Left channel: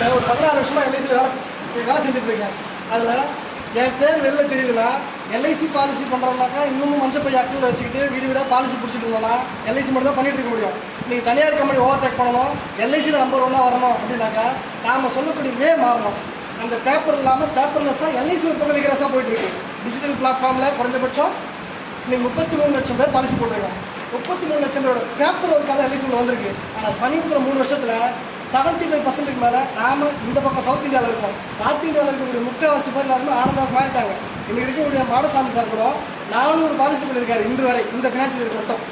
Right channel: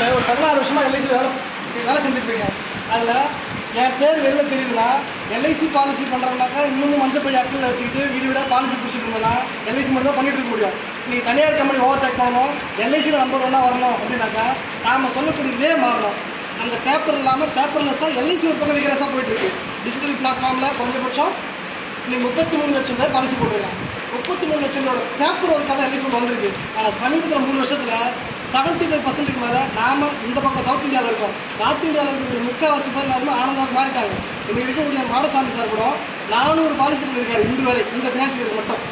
நான் ஒரு 16 வருஷமாக எல்ஐசியில் வேலை செஞ்சுட்ருக்கேன். அதில் என் பேர் வெளில தெரியுதுன்னா எல்ஐசி பாலிசி பண்ணுறோம்னாக்கா இன்னும் மஞ்சள் பைய அக்கௌண்ட்டில் வச்சுக்கிட்டு வீடு வீடாக பாலிசி பிடிச்சிட்டு இருந்தோன்னா எல்ஐசி மட்டும் தான் பண்ணிகிட்டு இருக்க முடியும். நீங்கள் தனியார் கம்பெனி ஓவர்டேக் பண்ணணும், எல்ஐசியில் நம்பர் 1 வரணும் அப்படின்னாக்கா நாம் சொல்லக்கூடிய மாறணும். அந்த பேப்பர் இல்லாமல் பேப்பர்லெஸ்ஸாக எல்ஐசி ஒரு பக்கம் விகிரஸாக போயிட்டுருக்கு. டிஜிட்டல் பிளாட்ஃபார்மில் குறைஞ்சபட்சம் நீங்கள் 33 லட்சம் பேர் பாலிசி போட்டுருங்க. 33 லட்சம் பேரோட பேப்பர் ஒர்க்காக தான் எல்ஐசி வந்திருக்கு. ஆனால் சமீபத்தில் 3 வருஷத்தில் 75% மேலே நாம் இந்த பக்கம் சவுத் இந்தியாவில் இருக்கோம். நார்த் இந்தியாவில் இருக்கக்கூடிய முக்கால்வாசி பேர் எல்லாருமே ஆனந்தாக மாறிட்டாங்க. இங்கே இருக்கக்கூடிய மாடசாமி சார் கூட 400 பாலிசி பண்ணியிருக்காரு இன்று வரை இந்த ஃபினான்ஷியல் இயர் மட்டும்.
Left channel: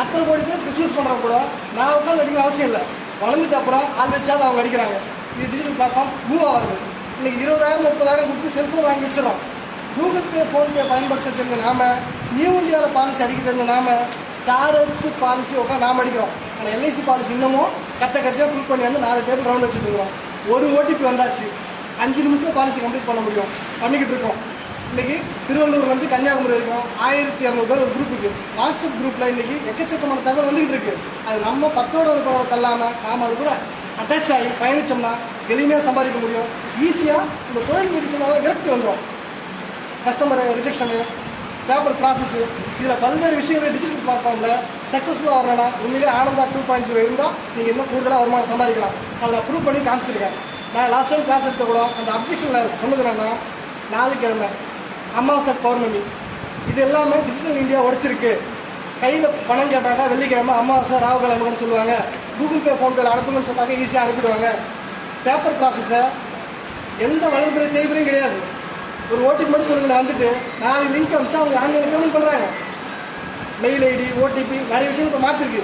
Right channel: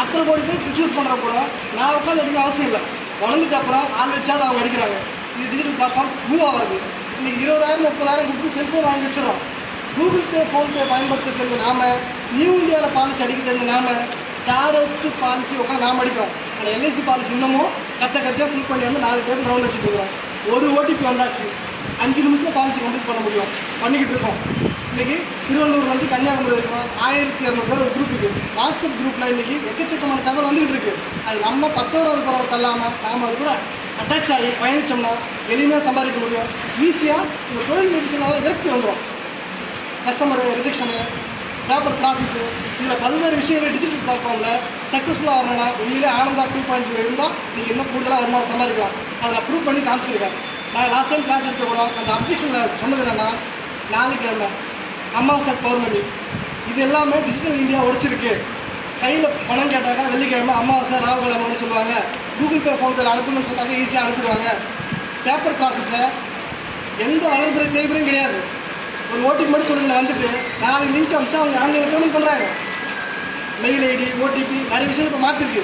அத்தனை கோடி பேர் பிஸ்னஸ் பண்ணுற கூட நான் உட்காந்து அடிக்க அவசியம் இல்லை. வளர்ந்துட்டு அப்புறம் ஆள் வச்சாவது அவங்க அடிக்கிறாங்க. இது டிஜிட்டல் பிளாட்ஃபார்ம் மூவ் ஆகிறது. இன்றைக்கி 20,000 30,000 கொடுத்து செல்ஃபோன் வாங்கி வச்சிடும். கூகுள் பே ஃபோன்பே பயன்படுத்த தெரிஞ்ச நாம, நியூ இந்தியாவில் பாலிசி அடிக்க தெரிஞ்ச நாம, ஸ்டாருக்கு பாலிசி உட்காந்து நாம் அடிக்கிறோம். ஆனால் எல்ஐசி பாலிசி இன்னமும் கத்தியாக ஃபுல் பண்ணி வந்து 4 பேர் ரவுண்ட் வச்சுட்டு இருக்கிறோம். ஒரு ஓடிபி வந்தாச்சு, 5 நிமிஷத்தில் பாலிசி கம்ப்ளீட் பண்ண முடியும். பண்ணிக்கிட்டு இருக்கோம். இன்றைக்கி திருவள்ளூர்லேருந்து கன்னியாகுமரி வரைக்கும் 1200 பேர் ஒரு குரூப்புக்கு வாட்ஸ்அப் குரூப்பில் இன்றைக்கி எக்கச்சக்கமான தகவல் வந்துக்கிட்டு இருக்குது. அது நம்ம 10ஓட ஒரு பரவ தள்ளாமல் நாம் அது கூட அட்டாச் ஆகி பயணித்தோம்னா எளிமையாக சம்பாதிக்க முடியும். ஈஸியாக இந்த தொழில் நிறுத்தினால விரக்தி வந்துடும். கஸ்டமர் ரிஜெக்ஷனு, பேப்பர் ப்ராசஸ்ஸு, இதில் பல்வேறு விஷயங்கள் டிஜிட்டல் பிளாட்ஃபார்மில் சக்ஸஸ்ஃபுல்லாக வரணும்னா உண்மையிலே ஆனந்தா 2.0 இருந்தால் நீங்கள் இன்னும் கூடுதலாக வருமானம் சம்பாதிக்கலாம். அதை நான் ப்ரூவ் பண்ணி காமிச்சிருக்கேன். நான் லாஸ்ட் டைம் கிளாஸ் எடுத்த கூட அந்த அப்ஜெக்ஷனில் சொன்னது என்னென்னா, நாளைக்கிழமை அமாவாசை பௌர்ணமி இது எல்லாமே டிஜிட்டல் இந்தியா உடைச்சிருக்கு. கையில் பணம் கேட்டாக்கா வெள்ளிக்கிழமை அமாவாசை ராகுகிழமைன்னு சொல்லுவாங்க. கூகுள் பே ஃபோன்பேல அனுப்புங்கன்னு சொன்னாங்க, ஈஸியாக அனுப்பிடுவாங்க. பேப்பர் ப்ராசஸை எந்த வளர்ப்புறை தேவையும் கிடையாது. ஒரு ஓடிபி மட்டும் சொல்லுங்க, வந்துட்டு நாளைக்கு லிங்க் அமிச்சா அவங்க ஆன்லைனில் பேமெண்ட் பண்ணுறாங்க. மெயில் ஐடி, ஓடிபி நிறைய விஷயம் இப்போ மாற்றிருக்கு.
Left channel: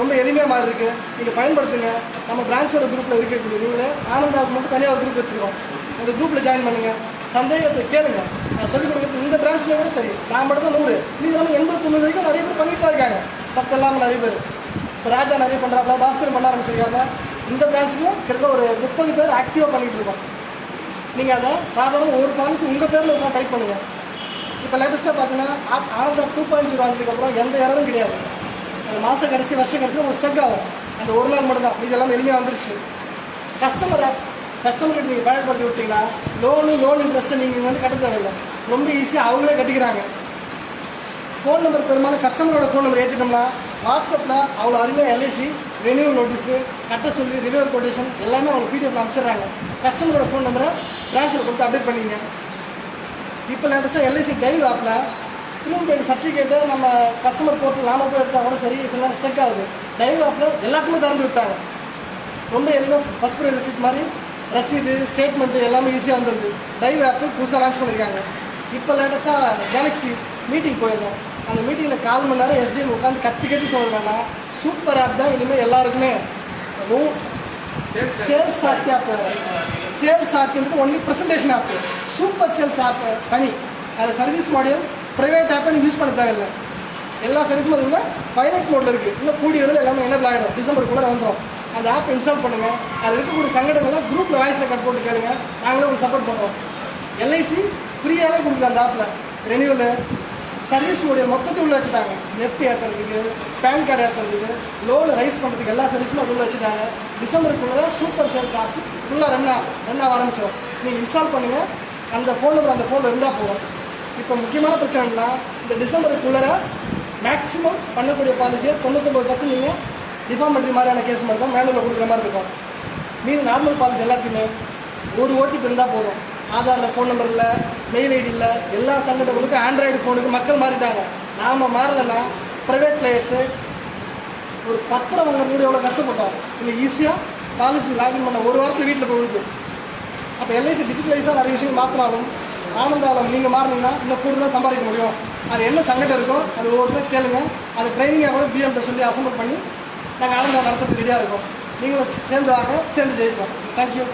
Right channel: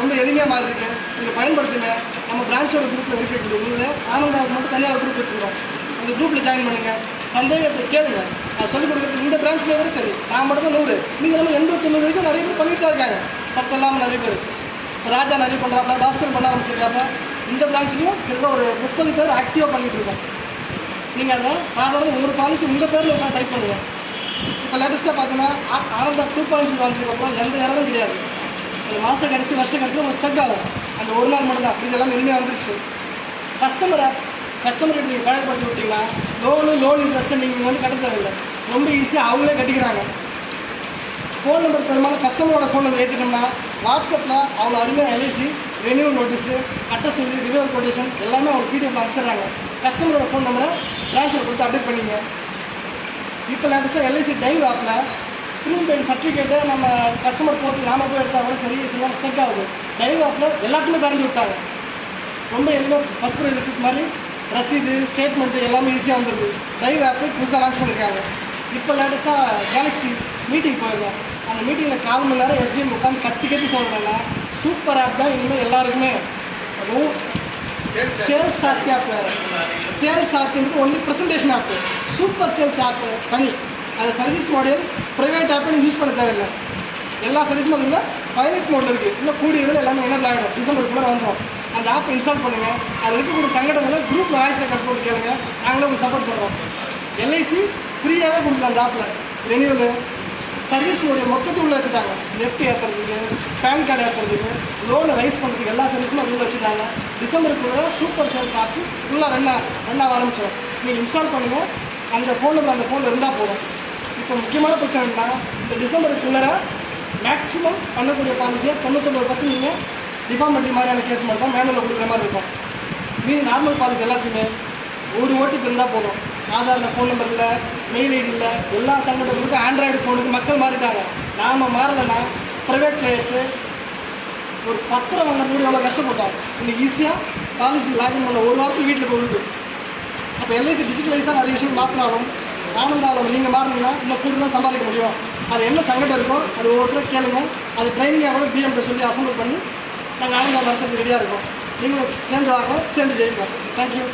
ரொம்ப எளிமையாக மாறிருக்கு. நீங்கள் பயன்படுத்துங்க. நம்ம பிரான்ச்சோட குரூப்பில் இருக்கக்கூடிய நீங்களே ஆனந்தாவுக்கு மட்டும் தனியாக குரூப் வச்சுருக்கோம். அந்த குரூப்பில் ஜாயின் பண்ணுங்கள். சந்தேகத்தை கேளுங்க. நான் சொல்லிக் கொடுக்குறது இந்த பிரான்ச்சில் கூட சரி, நான் மட்டும் தான் 100, நீங்கள் நம்ம 89 வரைக்கும் நிறைய பேர் பண்ணிட்டு தான் இருக்காங்க. சத்தம் இல்லாமல் நிறைய பேர். இப்போ ராஜா நிறைய பண்ணுறாப்புல, பாஸ்கர் பண்ண ஆரம்பிச்சிருக்காப்புல. இந்த பிரான்ச்லேயும் கிட்டத்தட்ட ஒரு 30 பேர் ஆக்டிவாக பண்ணிகிட்டு இருக்கோம். நீங்கள் அதை சாதாரண ஒரு பாலிசி உங்கள் பேரில் உட்காந்து டைப் பண்ணுங்கள். இப்போ லேட்டஸ்ட்டாக பார்த்தீங்கன்னா ஆனந்தா 2.0 வந்ததுக்கப்புறம் எந்த இரவும் கிடையாது. அந்த மாதம் கடைசி வருஷம் கடைசியில் உங்களுக்கு ஸ்டக் ஆகும். அந்த ஒரு நாள் மட்டும் தான். இதெல்லாம் எளிமையாக வந்துருச்சு. கஸ்டமர் ஆப், கஸ்டமர்கிட்ட நீங்கள் பயன்படுத்தி விட்டிங்கன்னா லோன் இன்ட்ரெஸ்ட்டு நீங்கள் வந்து கட்ட தேவையில்லை. ரொம்ப ஈஸியாக அவங்களே கட்டிக்கிறாங்க. ஃபோன் நம்பர் பெரும்பாலும் கஸ்டமரோட ஃபோன் நம்பர் ஏற்றிட்டோம்னா வாட்ஸ்அப்பில் அவ்வளோ அருமையாக எல்ஐசி ரெனியூவல் நோட்டீஸு, கட்ட சொல்லி ரினியூவல் கொட்டேஷன் எல்லாமே அவங்க பிடிஎஃப்ல அனுப்பிச்சிடுறாங்க. கஸ்டமரோட ஃபோன் நம்பரை பிரான்ச்சில் கொடுத்து அப்டேட் பண்ணிங்க. இப்போ லேட்டஸ்ட்டாக எல்ஐசி டைவ் ஆப்பில் ப்ரூவ்பெய்டு சர்டிஃபிகேட்டு நம்ம கஸ்டமர் போர்ட்டில் நாம போய் எடுத்தால் கூட சரி, சில நேரம் ஸ்டக் ஆகுது. டைவ் ஆப்பில் எல்லாத்துக்குமே திறந்து விட்டாங்க. ரொம்ப எல்லாம் ஃபஸ்ட் ப்ரைட் ரிசிப்ட் மாதிரி ரசீது, ஸ்டேட்மெண்ட்டு எல்லாமே ஈஸியாக வந்துடுது. டைவ் ஆப்பு புதுசாக லான்ச் பண்ணியிருக்காங்க. இப்போ லேட்டஸ்ட்டாக கேலக்ஸி மீட்டிங் போயிருந்தோம். அந்த மீட்டிங்கில் 4 மணி நேரம் எஸ்டிஎம் உட்காந்து கத்தி சொல்லணும்னா சூப்பர் ஆப் தான். இனிமேல் எல்லாருக்குமே சேல்ஸ் ஆப் வேறு. சேல்ஸ் ஆப்ன்றது ஒன்லி ப்ரெசன்டேஷன் ஆப்பு. சூப்பர் சேல்ஸ் ஆப்பு தனி. அது சர்வீஸ் மாடல் ப்ரைவேட் ஆப்பை நீங்கள் யூஸ் பண்ண தேவையில்லை. எல்லா சர்வீஸும் அதில் பைலட் மோடில் இருக்குது. இன்னும் கூடிய வரையில் எல்லாமே எனேபிள் ஆகிடும். டிசம்பருக்குள்ளே வந்துடும். அந்த ஆப்பை இன்ஸ்டால் பண்ணுங்கள். அதில் இருக்கக்கூடிய சங்கடங்களை குரூப்பில் வாய்ஸ் ரெக்கார்ட் போட்டு கேளுங்க. நாங்களே உங்களுக்கு சப்போர்ட் பண்ணுறோம். எல்ஐசி ஃப்ரீயாகவே கொடுக்குது அந்த ஆப்பில். ரெனியூவலு, சர்வீஸ் மோடியை மொத்தத்தையும் உள்ள வச்சுட்டாங்க. நெட் ஏற்றுறதுக்கு, பேன் கார்டு ஏற்றுறதுக்கு, லோனு ரைஸ் பண்ணுறதுக்கு எல்லா சர்வீஸும் அது உள்ள வச்சுட்டாங்க. டிசம்பருக்குள்ளே சூப்பர் சேல்ஸ் ஆப் ஃபுல்லாக ரன் ஆக ஆரம்பிச்சிடும். நீங்கள் இன்ஸ்டால் பண்ணுங்கள். அந்த ஃபோன் நம்பர் அந்த ஃபோனில் இருந்தால் போதும். இப்போ முக்கியமான பிரச்சனைனா இந்த டிசம்பருக்குள்ளே மேக்ஸிமம் பண்ணக்கூடிய பாலிசியை 99% நீங்கள் டிஃபார்மெட்ரி மாதிரியான கேஸ் மட்டும் தான் மேனுவலில் கொடுக்குற மாதிரி இருக்கும். மீது நார்மல் பாலிசி எல்லாத்தையுமே ஒரு ஓடிபி இருந்தால் போதும். ஆதாரில் ஃபோன் நம்பர் இல்லை, மெயில் ஐடி இல்லை. எல்லா சங்கடங்களுக்கும் ஆண்ட்ராய்டு ஃபோனுக்கு மக்கள் மாறிட்டாங்க. நாம் மாறலைன்னா ப்ரைவேட் பிளேயர்ஸு ஒரு பத்திரம் வாங்குறது கூட எவ்வளோ கஷ்டப்பட்டோம். இன்னைக்கு ஈஸியாக பாலிசி லாகின் பண்ண ஒரு வாரத்தில் வீட்டில் கொடுக்குது. அப்போ எல்ஐசி டிஜிட்டலைஸாக நிறைய விஷயங்கள் மாற்றினாலும் ஆனந்தாவில் நீங்கள் மாறினீங்கன்னா இன்னும் கூடுதலாக சம்பாதிக்க முடியும். அது என்ன சங்கடம் இருக்கோ அது ஒவ்வொருத்தரும் கேளுங்க. அது ட்ரைனிங்காக கூட பிஎம்கிட்ட சொல்லி அசம்பிள் பண்ணி நாங்கள் ஆனந்தாவில் நடத்துறதுக்கு ரெடியாக இருக்கோம். நீங்களும் சேர்ந்து வாங்க, சேர்ந்து ஜெயிப்போம். தேங்க்யூ.